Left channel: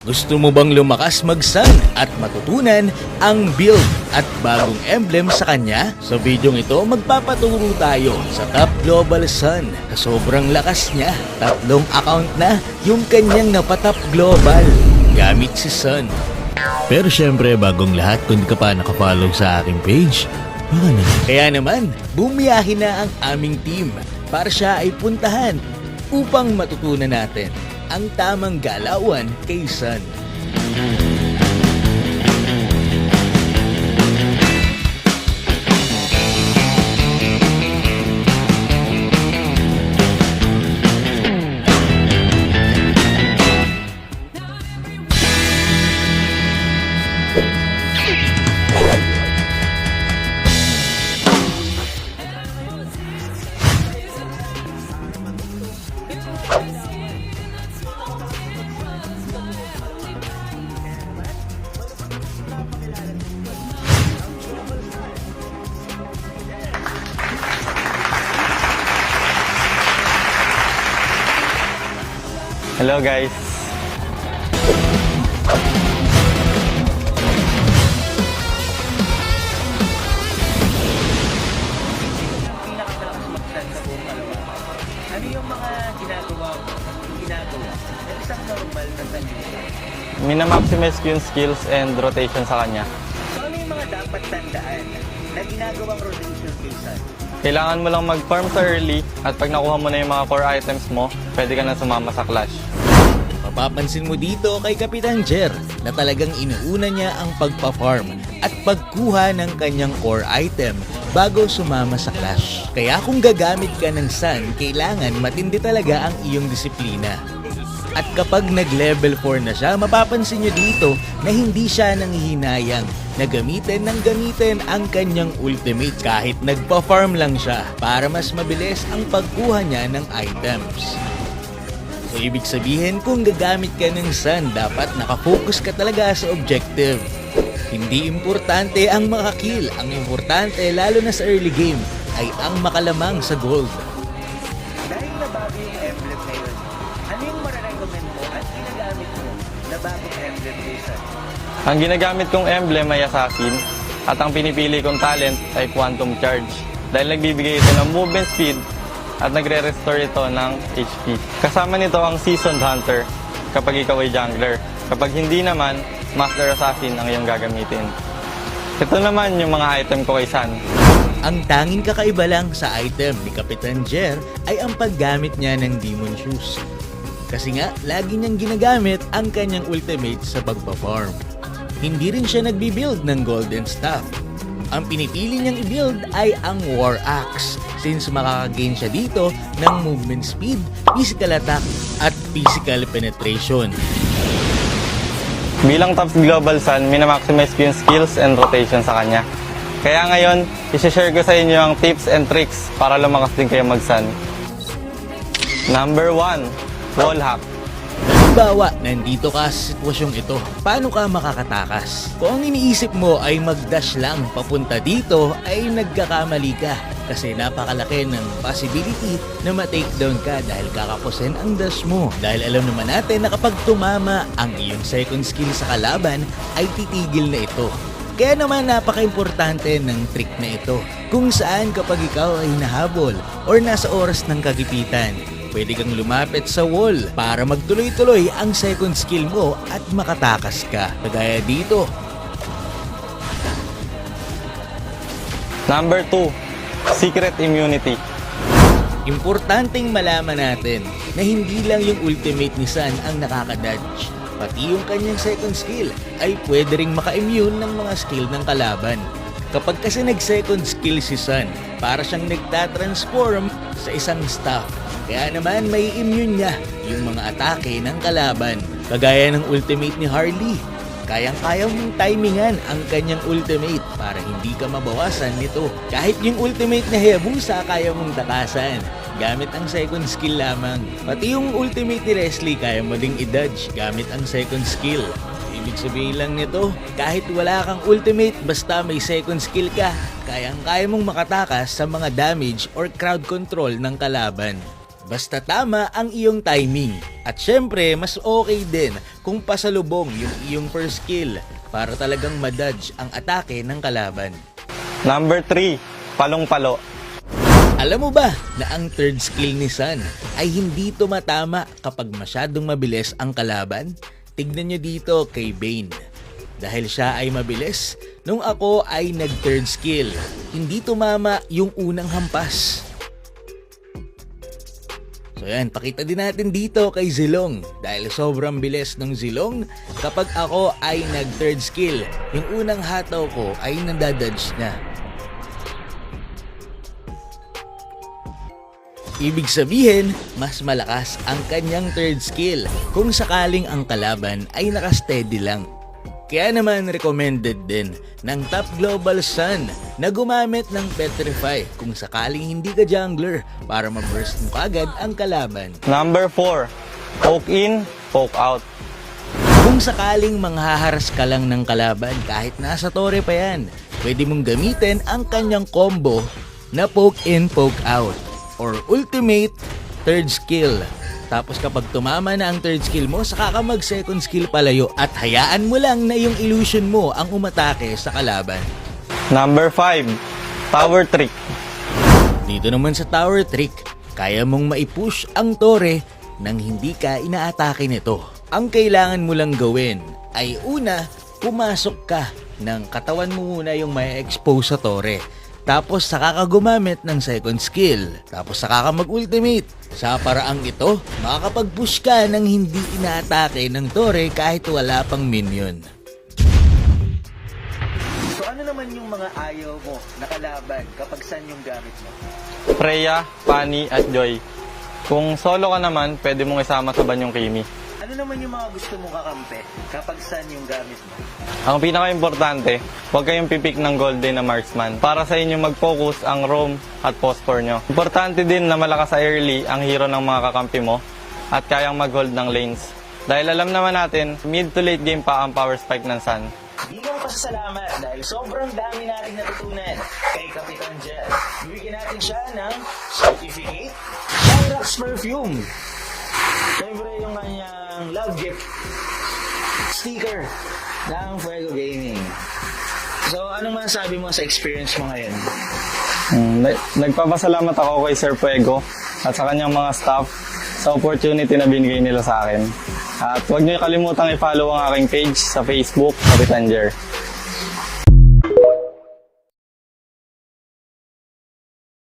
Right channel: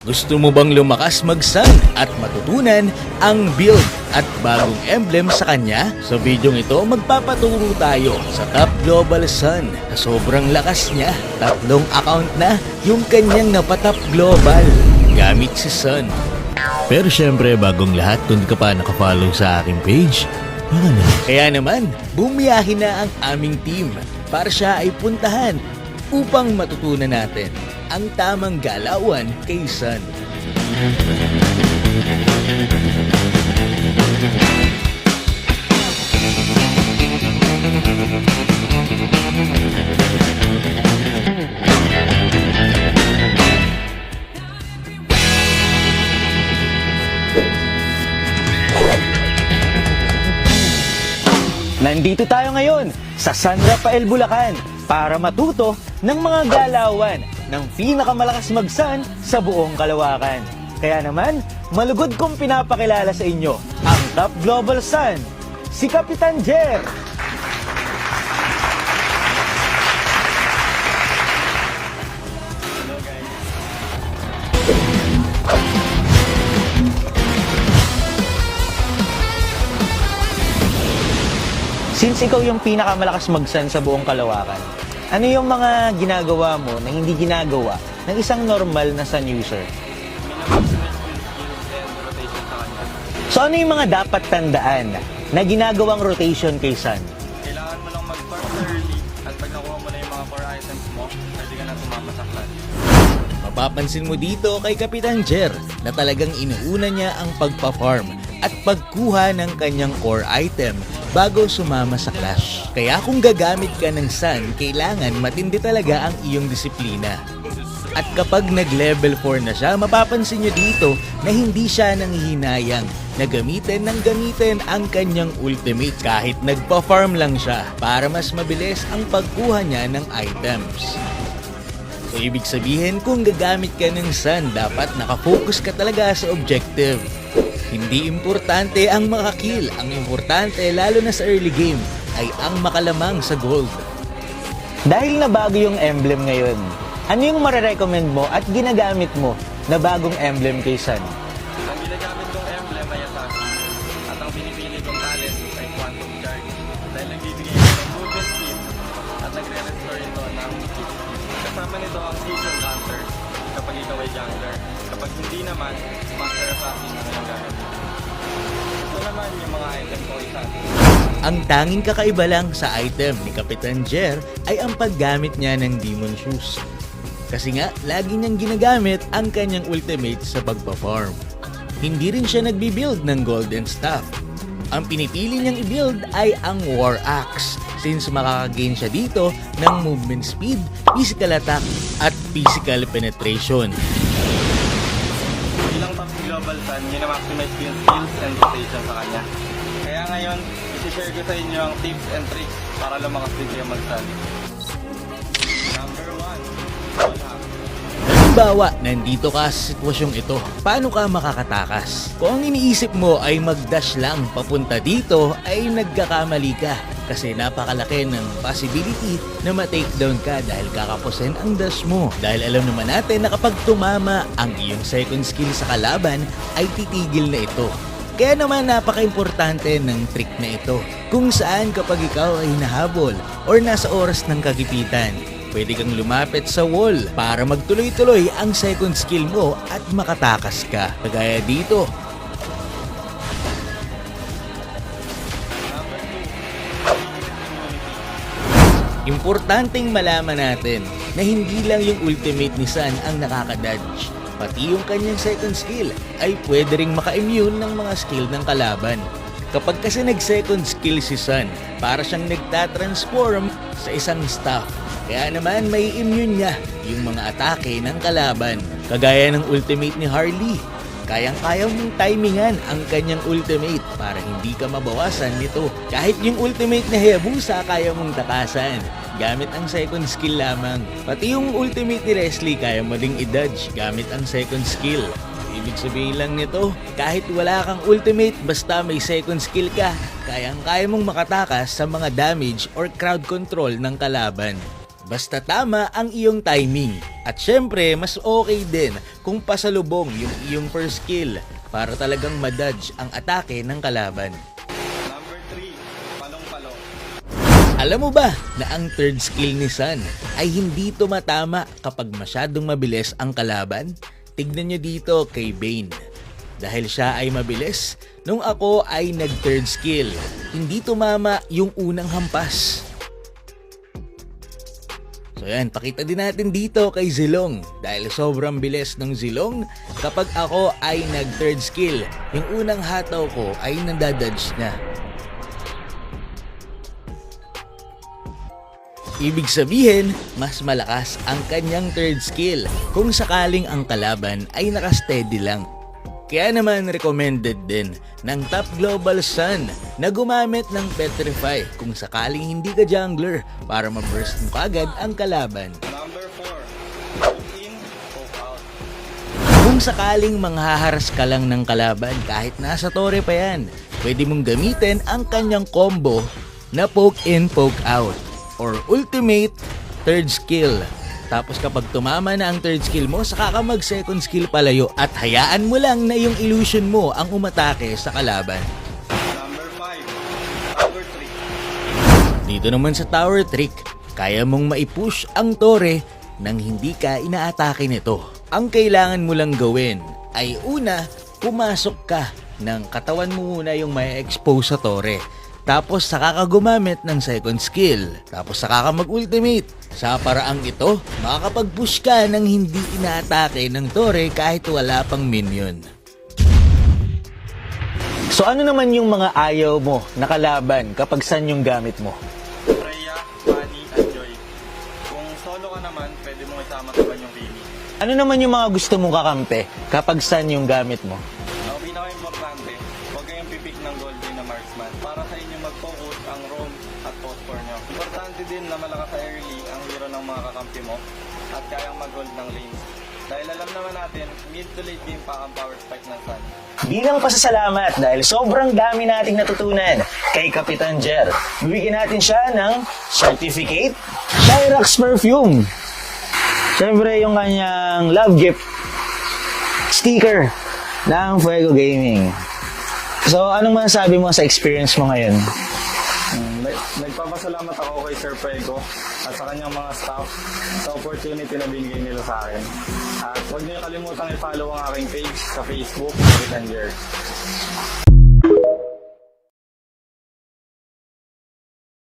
Gusto mo bang lumakas mag-sun at matutunan ang build at bagong emblem sa kanya? Sa videong ito, magpapaturo tayo sa Top Global Sun. Sa sobrang lakas niya, 3 account na yung kanyang napatop global gamit si Sun. Pero syempre, bagong lahat, kung di ka pa nakafollow sa aking page, baka naman. Kaya naman, bumiyahin na ang aming team para siya ay puntahan upang matutunan natin ang tamang galawan kay Sun. Nandito tayo ngayon sa San Rafael, Bulacan para matuto ng mga galawan ng pinakamalakas mag-sun sa buong kalawakan. Kaya naman, malugod kong pinapakilala sa inyo ang Top Global Sun, si Kapitan Jer. Hello guys! Since ikaw yung pinakamalakas mag-sun sa buong kalawakan, ano yung mga ginagawa mo na hindi ginagawa ng isang normal na sun user? Minamaximize ko yung skills and rotation sa kanya. So ano yung mga dapat tandaan na ginagawang rotation kay Sun? Kailangan mo lang mag-farm sa early at pag nakuha mo na yung mga core items mo, pwede ka na sumama sa clash. Mapapansin mo dito kay Kapitan Jer na talagang inuuna niya ang pagpa-farm at pagkuha ng kanyang core item bago sumama sa clash. Kaya kung gagamit ka ng Sun, kailangan matindi talaga ang iyong disiplina. At kapag nag-level 4 na siya, mapapansin nyo dito na hindi siya nanghihinayang na gamitin ang kanyang ultimate kahit nagpa-farm lang siya para mas mabilis ang pagkuha niya ng items. So ibig sabihin kung gagamit ka ng Sun, dapat nakafocus ka talaga sa objective. Hindi importante ang makakill, ang importante lalo na sa early game ay ang makalamang sa gold. Dahil na bago yung emblem ngayon, ano yung marirecommend mo at ginagamit mo na bagong emblem kay Sun? Ang ginagamit kong emblem ay Assassin at ang pinipili kong talent ay Quantum Charge dahil nagbibigay ito ng movement speed at nagre-restore ito ng HP. Kasama nito ang Seasoned Hunter kapag ikaw ay jungler. Kapag hindi naman, Master Assassin ang iyong gagamitin. Ito naman yung mga item ko kay Sun. Ang tanging kakaiba lang sa item ni Kapitan Jer ay ang paggamit niya ng Demon Shoes. Kasi nga, lagi niyang ginagamit ang kanyang ultimate sa pagpa-farm. Hindi rin siya nagbi-build ng Golden Staff. Ang pinipili niyang i-build ay ang War Axe since makakagain siya dito ng movement speed, physical attack, at physical penetration. Bilang Top Global Sun, minamaximize ko yung skills and rotation sa kanya. Kaya ngayon, isi-share ko sa inyo ang tips and tricks para lumakas din kayo mag-sun. Number 1, wall hack. Halimbawa, nandito ka sa sitwasyong ito, paano ka makakatakas? Kung ang iniisip mo ay mag-dash lang papunta dito, ay nagkakamali ka. Kasi napakalaki ng possibility na ma-takedown ka dahil kakapusin ang dash mo. Dahil alam naman natin na kapag tumama ang iyong second skill sa kalaban, ay titigil na ito. Kaya naman napaka-importante ng trick na ito kung saan kapag ikaw ay nahabol or nasa oras ng kagipitan, pwede kang lumapit sa wall para magtuloy-tuloy ang second skill mo at makatakas ka. Kagaya dito. Number 2, Secret Immunity. Importanteng malaman natin na hindi lang yung ultimate ni Sun ang nakakadodge. Pati yung kanyang second skill ay pwede ring maka-immune ng mga skill ng kalaban. Kapag kasi nag-second skill si Sun, para siyang nagtatransform sa isang staff. Kaya naman may immune niya yung mga atake ng kalaban. Kagaya ng ultimate ni Harley. Kayang-kaya mong timingan ang kanyang ultimate para hindi ka mabawasan nito. Kahit yung ultimate na Hayabusa kaya mong takasan gamit ang second skill lamang. Pati yung ultimate ni Leslie kaya mo ding i-dodge gamit ang second skill. Ibig sabihin lang nito, kahit wala kang ultimate basta may second skill ka, kayang-kaya mong makatakas sa mga damage or crowd control ng kalaban. Basta tama ang iyong timing. At syempre, mas okay din kung pasalubong yung iyong first skill para talagang madodge ang atake ng kalaban. Number 3, palong-palo. Alam mo ba na ang third skill ni Sun ay hindi tumatama kapag masyadong mabilis ang kalaban? Tignan nyo dito kay Bane. Dahil siya ay mabilis, nung ako ay nag-third skill, hindi tumama yung unang hampas. So yan, pakita din natin dito kay Zilong. Dahil sobrang bilis ng Zilong, kapag ako ay nag-third skill, yung unang hataw ko ay nadadodge na. Ibig sabihin, mas malakas ang kanyang third skill kung sakaling ang kalaban ay nakasteady lang. Kaya naman recommended din ng Top Global Sun na gumamit ng Petrify kung sakaling hindi ka jungler para ma-burst mo kagad ang kalaban. Number 4, poke in, poke out. Kung sakaling manghaharas ka lang ng kalaban kahit nasa tore pa yan, pwede mong gamitin ang kanyang combo na poke in, poke out or ultimate third skill. Tapos kapag tumama na ang third skill mo, saka ka mag second skill palayo at hayaan mo lang na yung illusion mo ang umatake sa kalaban. Number 5, tower trick. Dito naman sa tower trick, kaya mong maipush ang tore nang hindi ka inaatake nito. Ang kailangan mo lang gawin ay una, pumasok ka ng katawan mo muna yung may expose sa tore. Tapos saka ka gumamit ng second skill. Tapos saka ka mag-ultimate. Sa paraang ito, makakapag-push ka ng hindi inaatake ng tore kahit wala pang minion. So ano naman yung mga ayaw mo na kalaban kapag Sun yung gamit mo? Freya, Fanny, at Joy. Kung solo ka naman, pwede mong isama sa banyong Kimi. Ano naman yung mga gusto mong kakampi kapag Sun yung gamit mo? Ang pinaka-importante, huwag kayong pipik ng golden na marksman para sa inyo mag-focus ang roam at phosphor nyo. Importante din na malakas sa early ang hero ng mga kakampi mo at kayang mag-hold ng lanes. Dahil alam naman natin, mid to late game pa ang power spike ng Sun. Bilang pasasalamat dahil sobrang dami nating natutunan kay Kapitan Jer, bibigyan natin siya ng certificate Cyrax Perfume. Siyempre yung kanyang love gift sticker ng Fuego Gaming. So anong masasabi mo sa experience mo ngayon? Nagpapasalamat ako kay Sir Fuego at sa kanyang mga staff sa opportunity na binigay nila sa akin. At huwag niyo kalimutang i-follow ang aking page sa Facebook, Kapitan Jer.